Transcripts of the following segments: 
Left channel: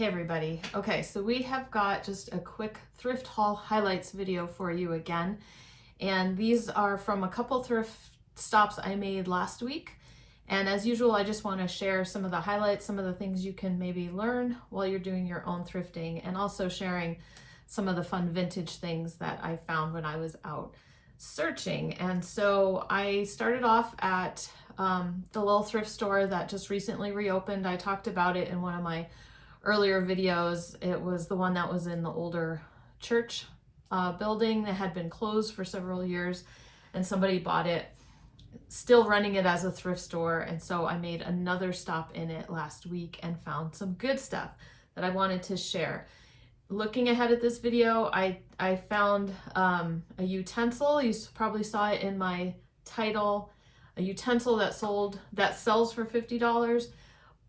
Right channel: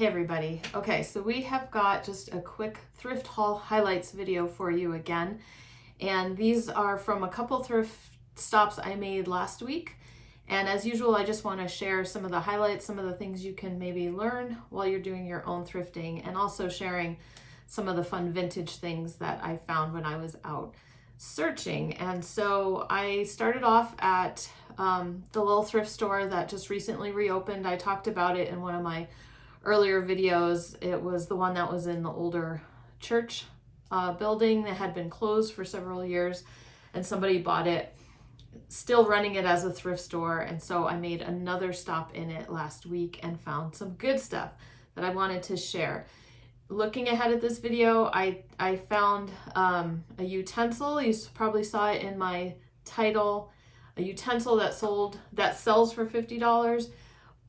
Hey everybody. Okay, so we have got just a quick thrift haul highlights video for you again. And these are from a couple thrift stops I made last week. And as usual, I just want to share some of the highlights, some of the things you can maybe learn while you're doing your own thrifting, and also sharing some of the fun vintage things that I found when I was out searching. And so I started off at the little thrift store that just recently reopened. I talked about it in one of my earlier videos. It was the one that was in the older church building that had been closed for several years, and somebody bought it, still running it as a thrift store. And so I made another stop in it last week and found some good stuff that I wanted to share. Looking ahead at this video, I found a utensil. You probably saw it in my title, a utensil that sells for $50,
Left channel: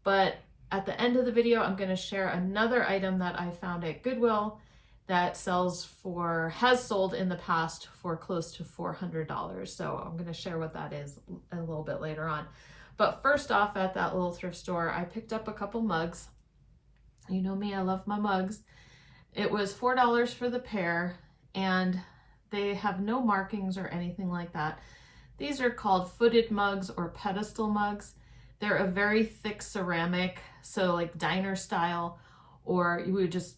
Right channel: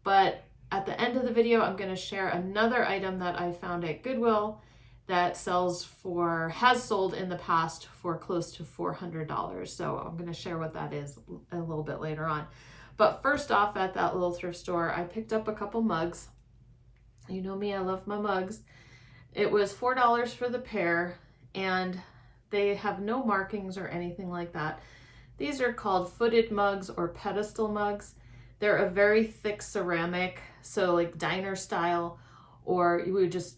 but at the end of the video, I'm going to share another item that I found at Goodwill that has sold in the past for close to $400. So I'm going to share what that is a little bit later on. But first off, at that little thrift store, I picked up a couple mugs. You know me, I love my mugs. It was $4 for the pair, and they have no markings or anything like that. These are called footed mugs or pedestal mugs. They're a very thick ceramic, so like diner style, or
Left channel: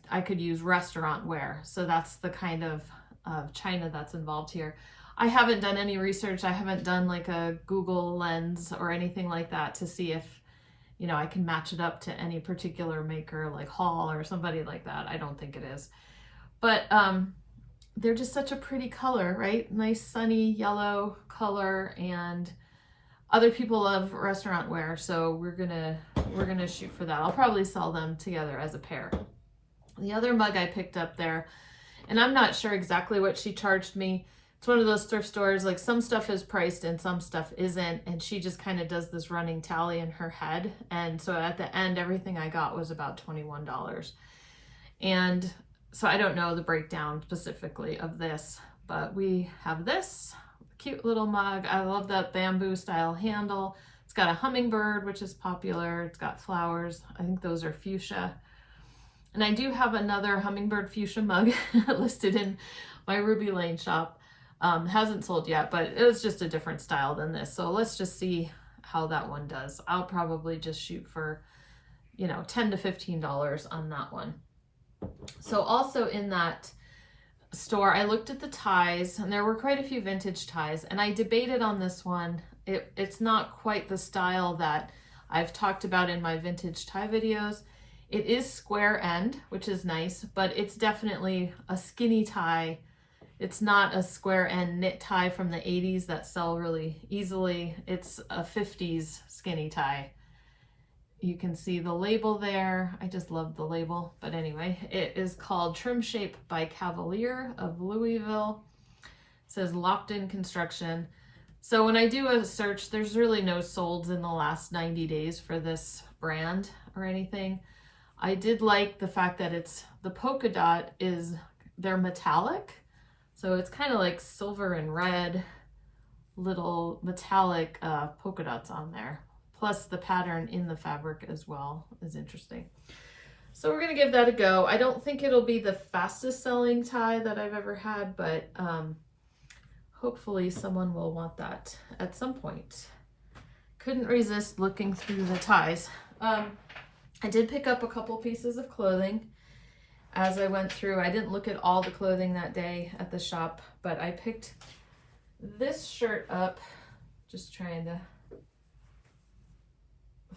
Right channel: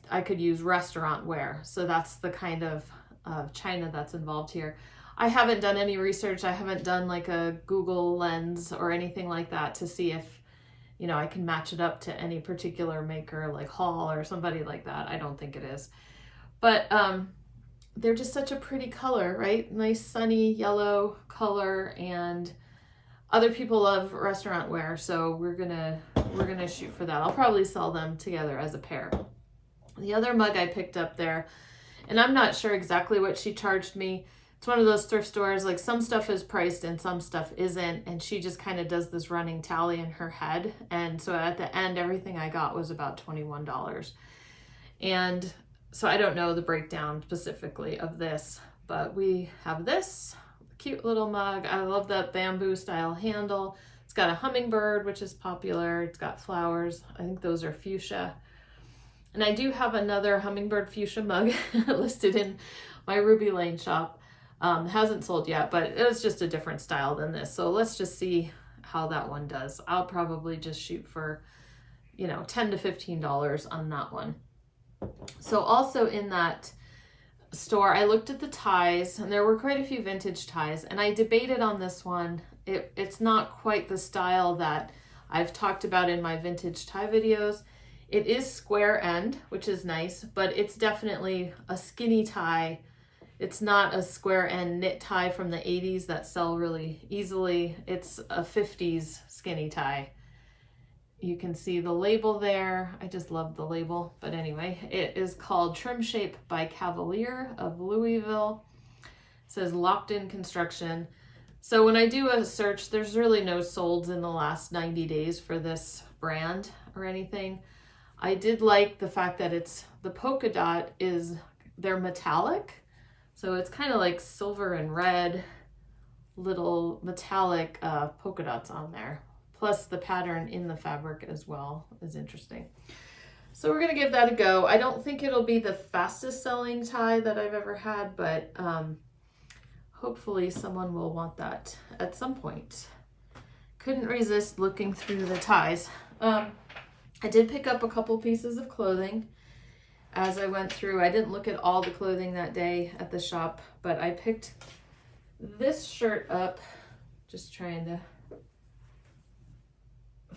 I could use restaurant wear. So that's the kind of china that's involved here. I haven't done any research. I haven't done like a Google lens or anything like that to see if, I can match it up to any particular maker like Hall or somebody like that. I don't think it is. But they're just such a pretty color, right? Nice sunny yellow color, and other people love restaurant wear, so we're gonna shoot for that. I'll probably sell them together as a pair. The other mug I picked up there, and I'm not sure exactly what she charged me. It's one of those thrift stores, like some stuff is priced and some stuff isn't, and she just kind of does this running tally in her head. And so at the end, everything I got was about $21. And so I don't know the breakdown specifically of this, but we have this cute little mug. I love that bamboo style handle. It's got a hummingbird, which is popular. It's got flowers. I think those are fuchsia. And I do have another hummingbird fuchsia mug listed in my Ruby Lane shop. Hasn't sold yet, but it was just a different style than this. So let's just see how that one does. I'll probably just shoot for, $10 to $15 on that one. So also in that store, I looked at the ties, and there were quite a few vintage ties, and I debated on this one. It's not quite the style that I've talked about in my vintage tie videos. It is square end, which is nice, but it's definitely a skinny tie. It's not a square end knit tie from the 80s that sell really easily. It's a 50s skinny tie. You can see the label there. I just love the label. But anyway, it is called Trim Shape by Cavalier of Louisville. It says locked in construction. So when I do a search, there's really no solds in the last 90 days for this brand or anything. I did like the fact that the polka dot they're metallic. So it's kind of like silver and red, little metallic polka dots on there. Plus the pattern in the fabric as well is interesting. So we're gonna give that a go. I don't think it'll be the fastest selling tie that I've ever had, but hopefully someone will want that at some point. Couldn't resist looking through the ties. I did pick up a couple pieces of clothing as I went through. I didn't look at all the clothing that day at the shop, but I picked this shirt up, just trying to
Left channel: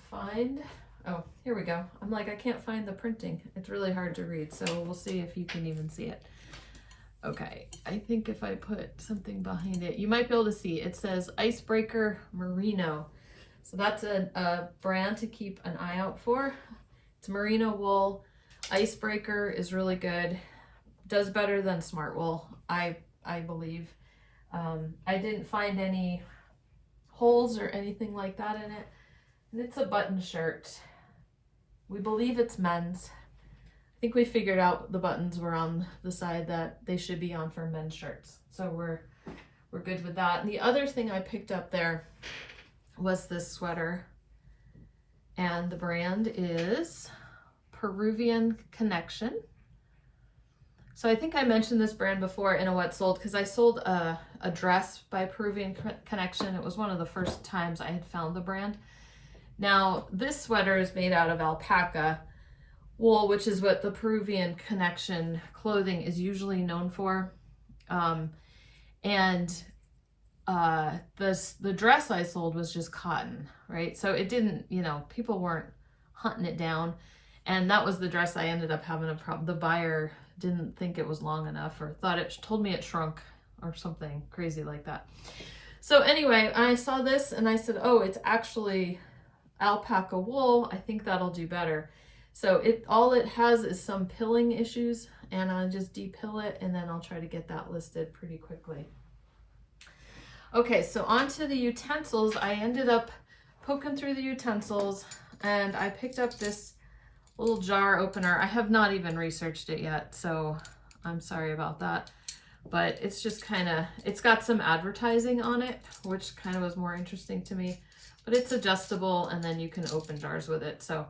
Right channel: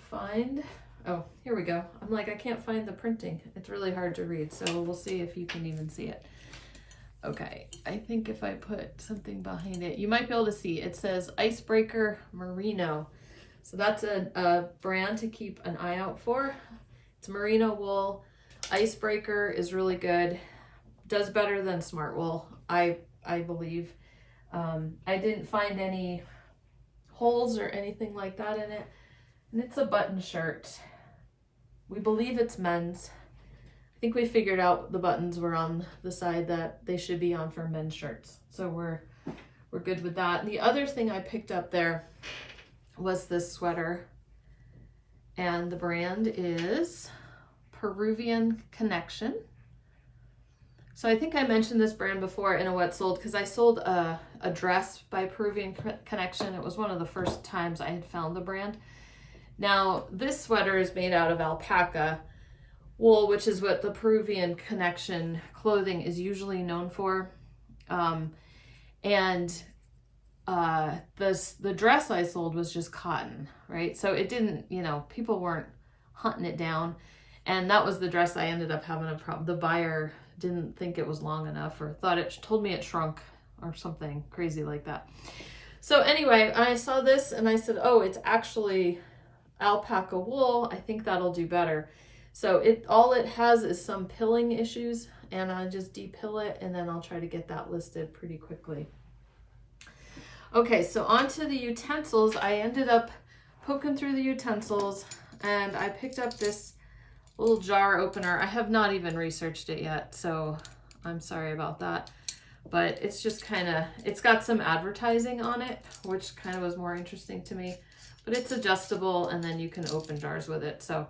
find, oh, here we go. I'm like, I can't find the printing. It's really hard to read, so we'll see if you can even see it. Okay, I think if I put something behind it, you might be able to see. It says Icebreaker Merino. So that's a brand to keep an eye out for. It's merino wool. Icebreaker is really good. Does better than Smart Wool, I believe. I didn't find any holes or anything like that in it. And it's a button shirt. We believe it's men's. I think we figured out the buttons were on the side that they should be on for men's shirts. So we're good with that. And the other thing I picked up there was this sweater, and the brand is Peruvian Connection. So I think I mentioned this brand before in a What Sold, because I sold a dress by Peruvian Connection. It was one of the first times I had found the brand. Now, this sweater is made out of alpaca wool, which is what the Peruvian Connection clothing is usually known for. The dress I sold was just cotton, right? So it didn't, you know, people weren't hunting it down. And that was the dress I ended up having a problem. The buyer didn't think it was long enough, or told me it shrunk or something crazy like that. So anyway, I saw this and I said, oh, it's actually alpaca wool. I think that'll do better. So all it has is some pilling issues, and I'll just de-pill it, and then I'll try to get that listed pretty quickly. Okay, so on to the utensils. I ended up poking through the utensils, and I picked up this little jar opener. I have not even researched it yet, so I'm sorry about that. But it's just it's got some advertising on it, which kind of was more interesting to me. But it's adjustable, and then you can open jars with it. So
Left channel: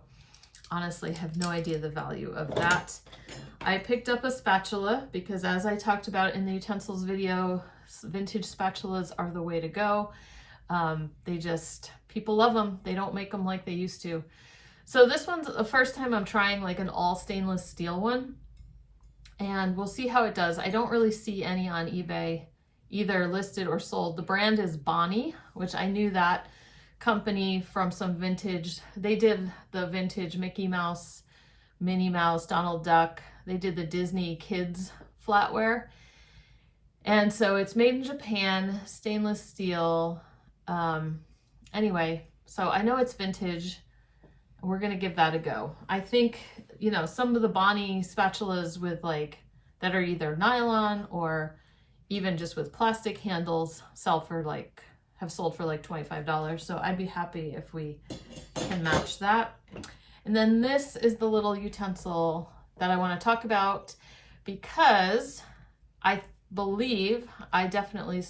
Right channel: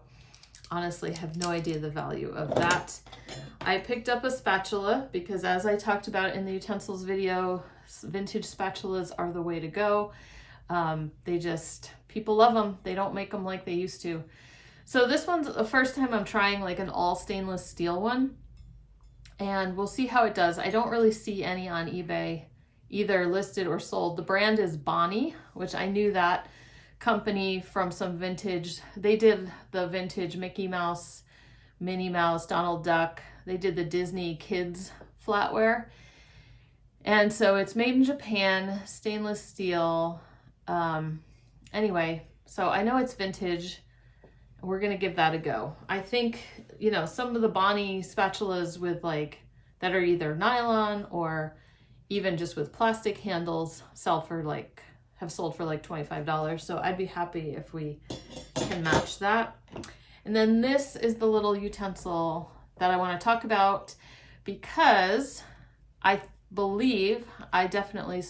honestly, have no idea the value of that. I picked up a spatula because, as I talked about in the utensils video, vintage spatulas are the way to go. People love them. They don't make them like they used to. So this one's the first time I'm trying like an all stainless steel one, and we'll see how it does. I don't really see any on eBay either listed or sold. The brand is Bonnie, which I knew that company from some vintage. They did the vintage Mickey Mouse, Minnie Mouse, Donald Duck. They did the Disney kids flatware. And so it's made in Japan, stainless steel. Anyway, so I know it's vintage. We're gonna give that a go. I think, you know, some of the Bonnie spatulas with that are either nylon or even just with plastic handles have sold for like $25. So I'd be happy if we can match that. And then this is the little utensil that I want to talk about, because I believe I definitely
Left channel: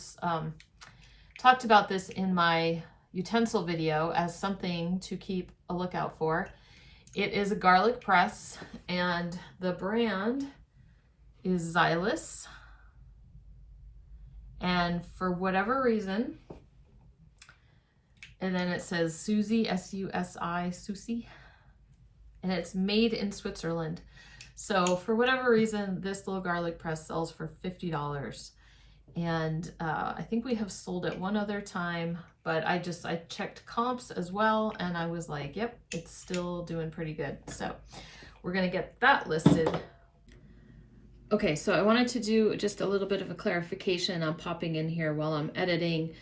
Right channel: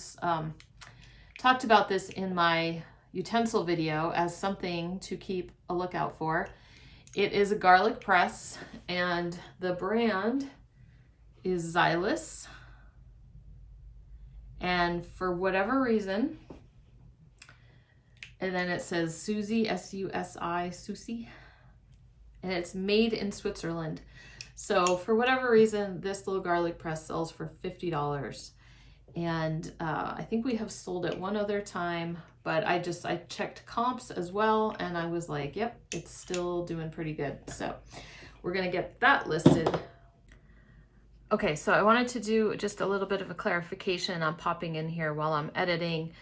talked about this in my utensil video as something to keep a lookout for. It is a garlic press, and the brand is Xylus. And for whatever reason, and then it says Susie, S-U-S-I, Susie, and it's made in Switzerland. So for whatever reason, this little garlic press sells for $50. And I think we have sold it one other time, but I checked comps as well, and I was like, yep, it's still doing pretty good. So we're gonna get that listed. Okay, so I wanted to do just a little bit of a clarification. I'm popping in here while I'm editing,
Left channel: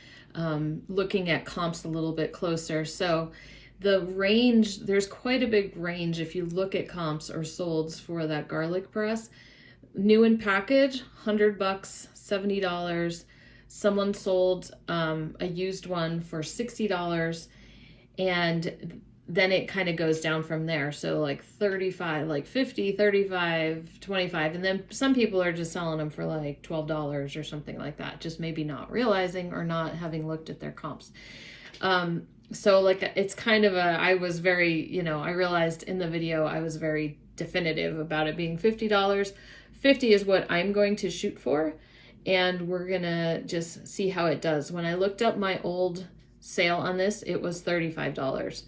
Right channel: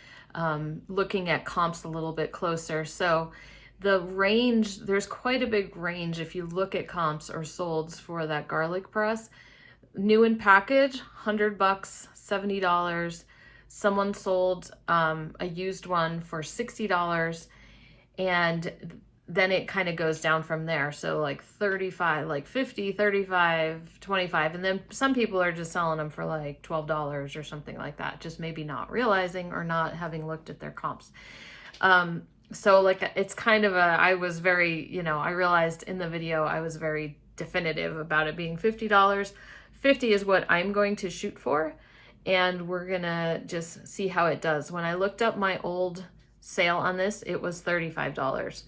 looking at comps a little bit closer. So the range, there's quite a big range if you look at comps or solds for that garlic press. New in package, $100, $70. Someone sold a used one for $60, and then it kind of goes down from there. So like 35, like 50, 35, 25. And then some people are just selling them for like $12 or something like that. Just maybe not realizing or not having looked at their comps. So like, it's kind of I was very, I realized in the video, I was very definitive about it being $50. 50 is what I'm going to shoot for. And we're gonna just see how it does. When I looked up my old sale on this, it was $35.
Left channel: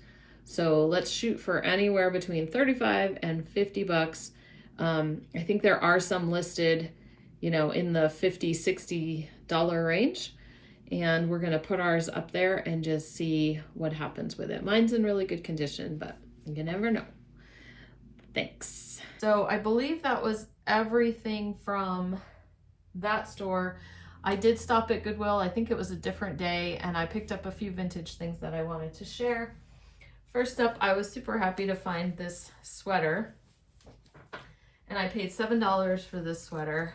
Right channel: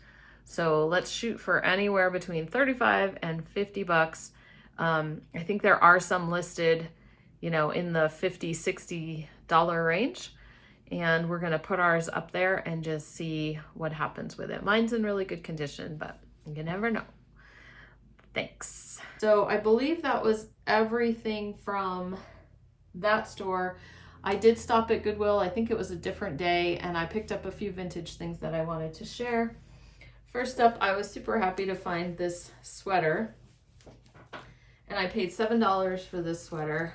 So let's shoot for anywhere between 35 and $50. I think there are some listed, in the $50, $60 range. And we're gonna put ours up there and just see what happens with it. Mine's in really good condition, but you never know. Thanks. So I believe that was everything from that store. I did stop at Goodwill. I think it was a different day, and I picked up a few vintage things that I wanted to share. First up, I was super happy to find this sweater, and I paid $7 for this sweater.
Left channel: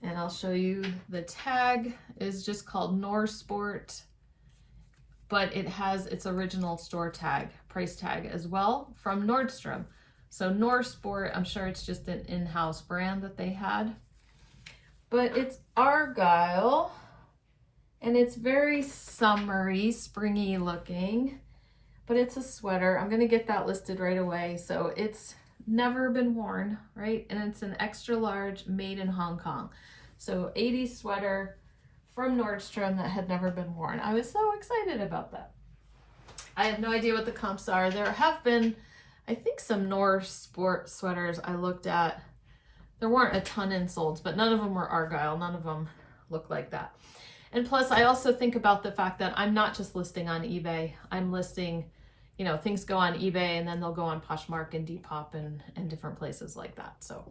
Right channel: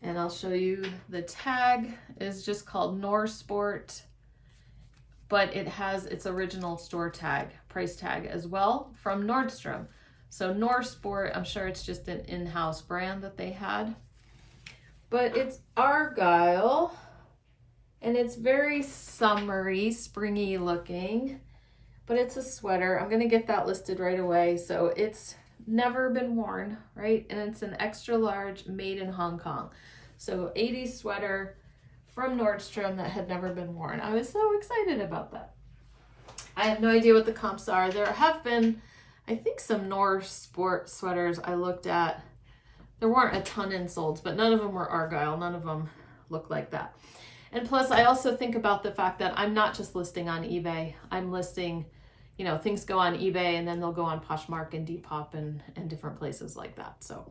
And I'll show you, the tag is just called Norsport, but it has its original store tag, price tag as well from Nordstrom. So Norsport, I'm sure it's just an in-house brand that they had. But it's Argyle, and it's very summery, springy looking, but it's a sweater. I'm gonna get that listed right away. So it's never been worn, right? And it's an extra large, made in Hong Kong. So 80s sweater from Nordstrom that had never been worn. I was so excited about that. I have no idea what the comps are. There have been, I think, some North sport sweaters I looked at. There weren't a ton in solds, but none of them were Argyle. None of them look like that. And plus, I also think about the fact that I'm not just listing on eBay. I'm listing, you know, things go on eBay and then they'll go on Poshmark and Depop and different places like that. So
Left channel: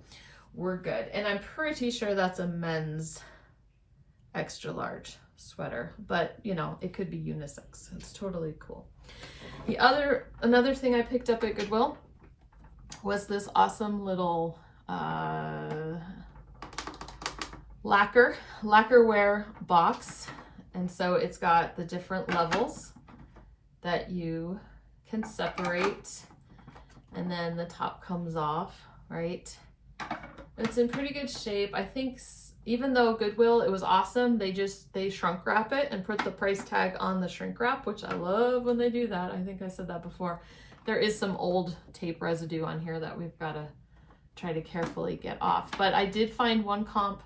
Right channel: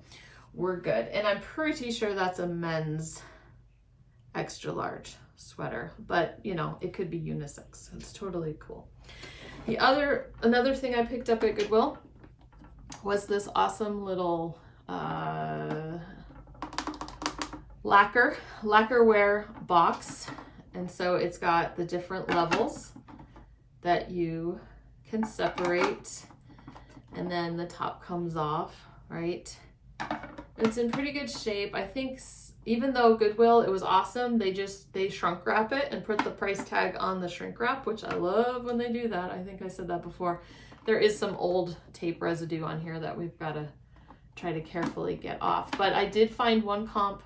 we're good. And I'm pretty sure that's a men's extra large sweater, but you know, it could be unisex. It's totally cool. Another thing I picked up at Goodwill was this awesome little lacquer wear box. And so it's got the different levels that you can separate, and then the top comes off, right? It's in pretty good shape. I think even though Goodwill, it was awesome, they shrunk wrap it and put the price tag on the shrink wrap, which I love when they do that. I think I said that before. There is some old tape residue on here that we've got to try to carefully get off. But I did find one comp.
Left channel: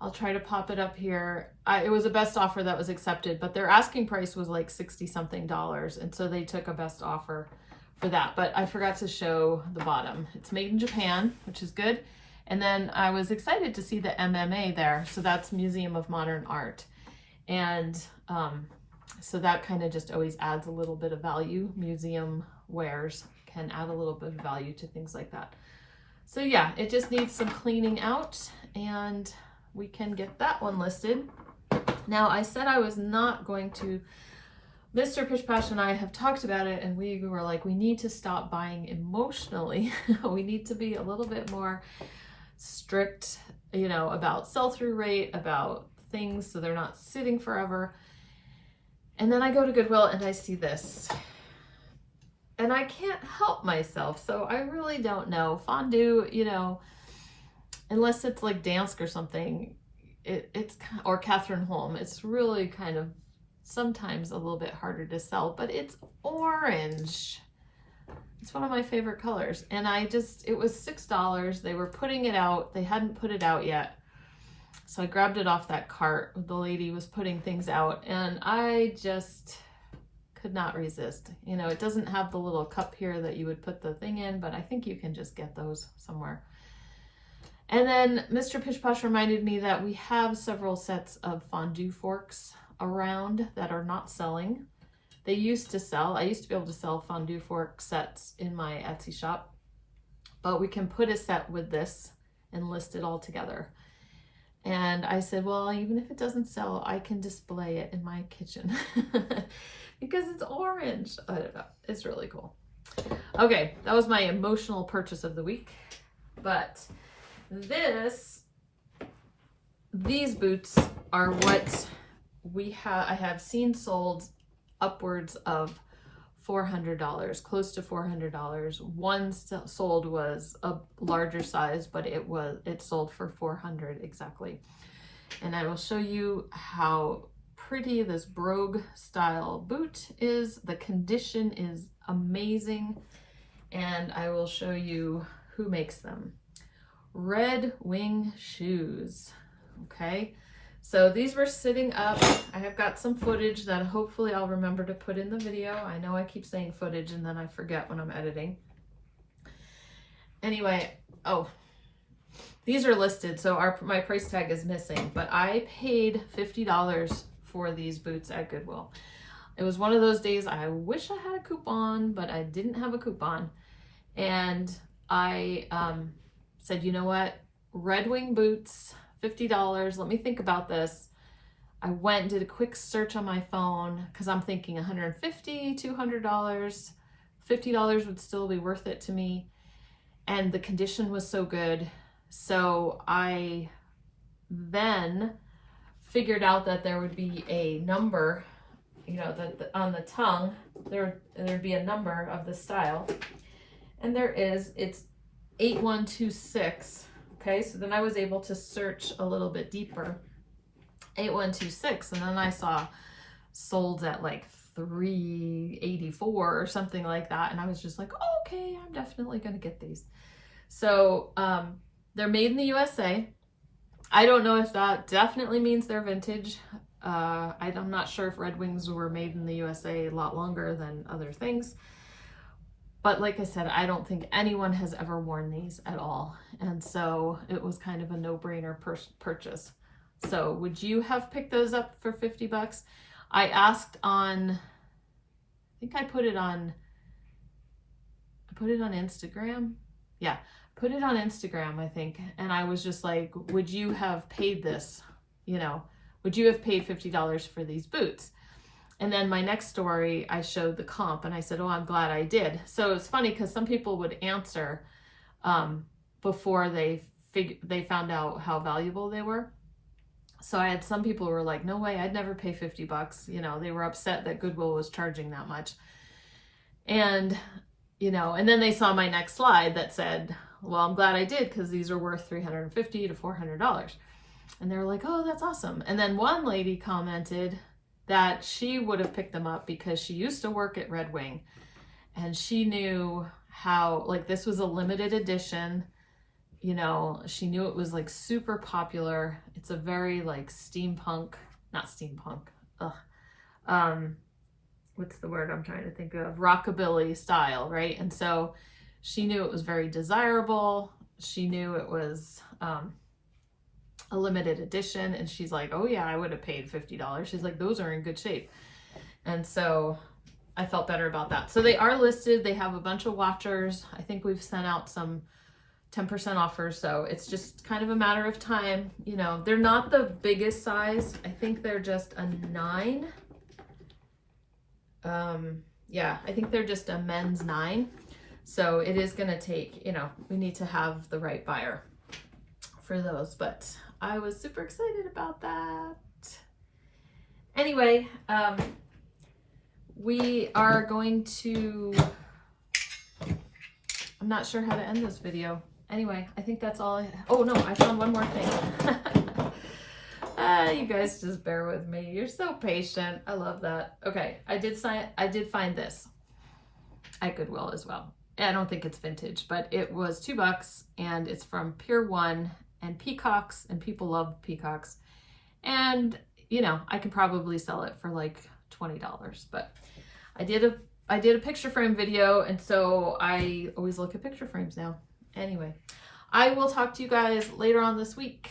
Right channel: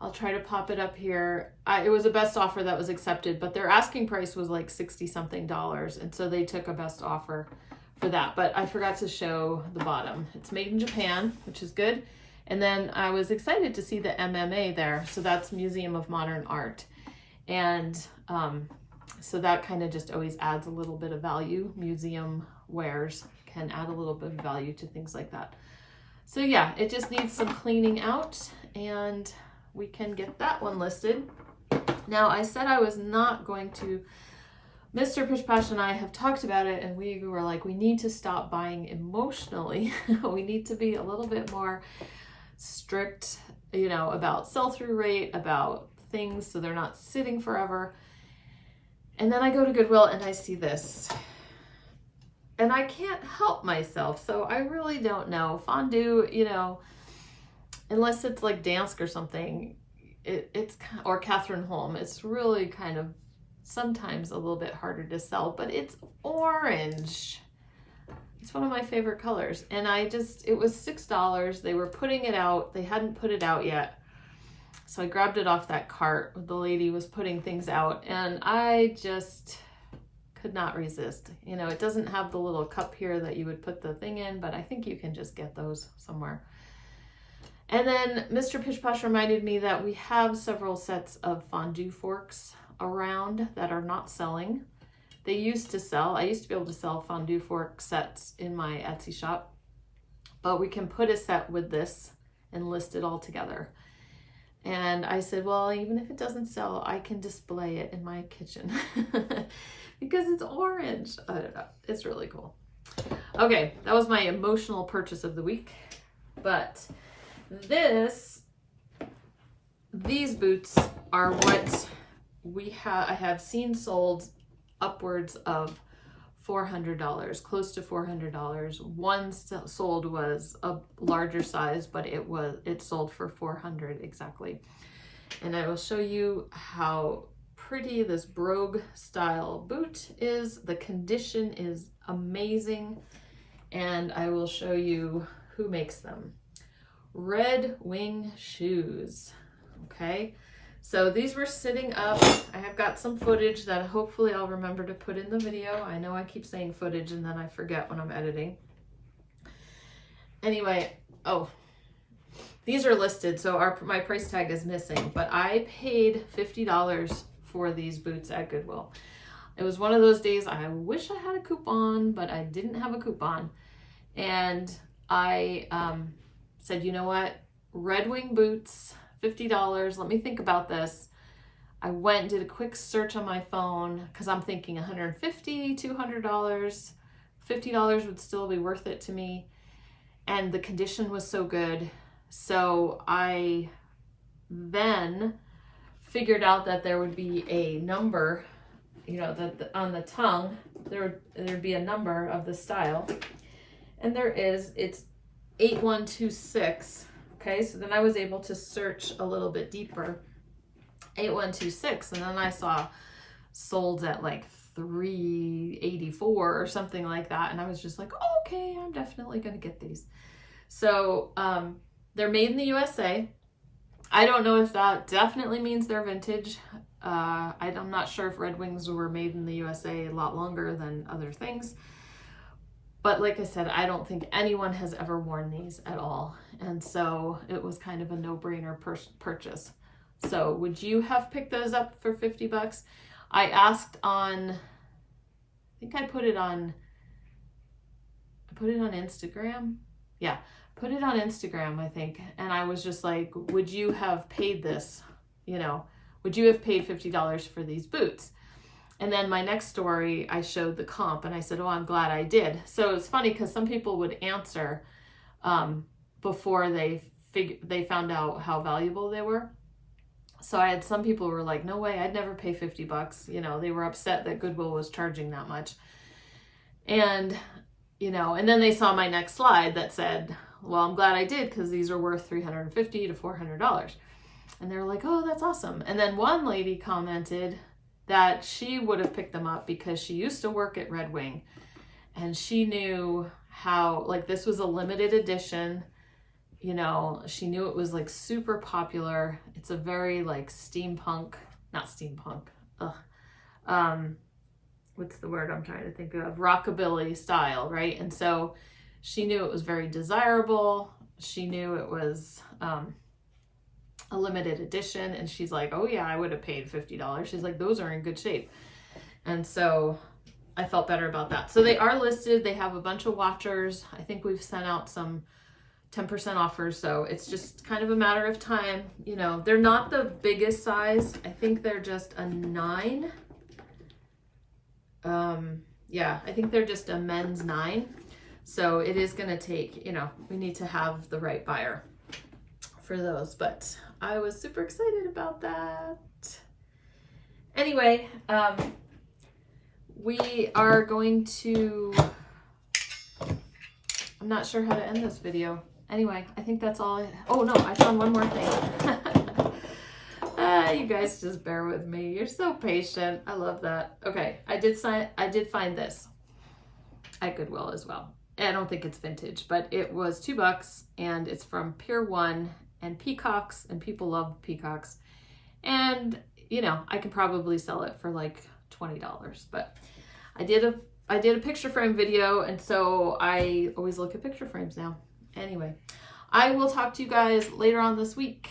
I'll try to pop it up here. It was a best offer that was accepted, but their asking price was like $60 something. And so they took a best offer for that. But I forgot to show the bottom. It's made in Japan, which is good. And then I was excited to see the MMA there. So that's Museum of Modern Art. And so that kind of just always adds a little bit of value. Museum wares can add a little bit of value to things like that. So yeah, it just needs some cleaning out and we can get that one listed. Now, I said I was not going to, Mr. Pitch Pash and I have talked about it, and we were like, we need to stop buying emotionally. We need to be a little bit more strict, you know, about sell-through rate, about things so they're not sitting forever. And then I go to Goodwill and I see this. And I can't help myself. So I really don't know. Fondue, you know, unless it's like Dansk or something, or Catherine Holm, it's really kind of sometimes a little bit harder to sell, but it's orange. It's one of my favorite colors. And it was $6. They were putting it out. They hadn't put it out yet. So I grabbed it off that cart. The lady was putting things out and I just could not resist. You know, it doesn't have the little cup here that you would put the thing in, but I think you can just get those somewhere. And then Mr. Pish Posh reminded me that we have several sets of Fondue Forks around that are not selling. They used to sell. I used to be able to sell Fondue Fork sets in my Etsy shop, but we can put a set with this and list it all together. And I said, well, even if it doesn't sell, I can display it in my kitchen because it's orange. I don't know. It's really cool. Okay, that was my emotional purchase of the week. But these boots are what I have seen sold upwards of $400, close to $400. One sold was a larger size, but it sold for $400 exactly. And I will show you how pretty this brogue style boot is. The condition is amazing. And I will show you who makes them. Red Wing Shoes. Okay. So these were sitting up. I have got some footage that hopefully I'll remember to put in the video. I know I keep saying footage and then I forget when I'm editing. Anyway, these are listed, so my price tag is missing, but I paid $50 for these boots at Goodwill. It was one of those days I wish I had a coupon, but I didn't have a coupon. And I said, you know what? Red Wing boots, $50. Let me think about this. I went and did a quick search on my phone because I'm thinking $150, $200, $50 would still be worth it to me. And the condition was so good. So I then figured out that there would be a number, you know, that on the tongue, there'd be a number of the style. And there is, it's 8126. Okay, so then I was able to search a little bit deeper, 8126, and then I saw sold at like $3.84 or something like that. And I was just like, oh, okay, I'm definitely going to get these. So they're made in the USA. I don't know if that definitely means they're vintage. I'm not sure if Red Wings were made in the USA a lot longer than other things. But like I said, I don't think anyone has ever worn these at all. And so it was kind of a no-brainer purchase. So would you have picked those up for 50 bucks? I asked on, I think I put it on Instagram. Yeah, put it on Instagram, I think. And I was just like, would you have paid this? You know, would you have paid $50 for these boots? And then my next story, I showed the comp and I said, oh, I'm glad I did. So it's funny because some people would answer before they found out how valuable they were. So I had some people who were like, no way, I'd never pay 50 bucks. You know, they were upset that Goodwill was charging that much. And, you know, and then they saw my next slide that said, well, I'm glad I did because these are worth $350 to $400. And they were like, oh, that's awesome. And then one lady commented that she would have picked them up because she used to work at Red Wing and she knew how, like, this was a limited edition, you know, she knew it was like super popular. It's a very like steampunk, not steampunk, what's the word I'm trying to think of? Rockabilly style, right? And so she knew it was very desirable. She knew it was, a limited edition, and she's like, oh yeah, I would have paid $50. She's like, those are in good shape. And so I felt better about that. So they are listed. They have a bunch of watchers. I think we've sent out some 10% offers, so it's just kind of a matter of time. You know, they're not the biggest size. I think they're just a 9. Yeah, I think they're just a men's 9. So it is going to take, you know, we need to have the right buyer for those, but I was super excited about that. Anyway, we are going to, I'm not sure how to end this video. Anyway, I think that's all. Oh no, I found one more thing. You guys just bear with me. You're so patient. I love that. Okay, I did find this at Goodwill as well. I don't think it's vintage, but it was $2 and it's from Pier 1 and peacocks, and people love peacocks. And you know, I can probably sell it for like $20, but I did a picture frame video, and so I always look at picture frames now. Anyway, I will talk to you guys later on this week.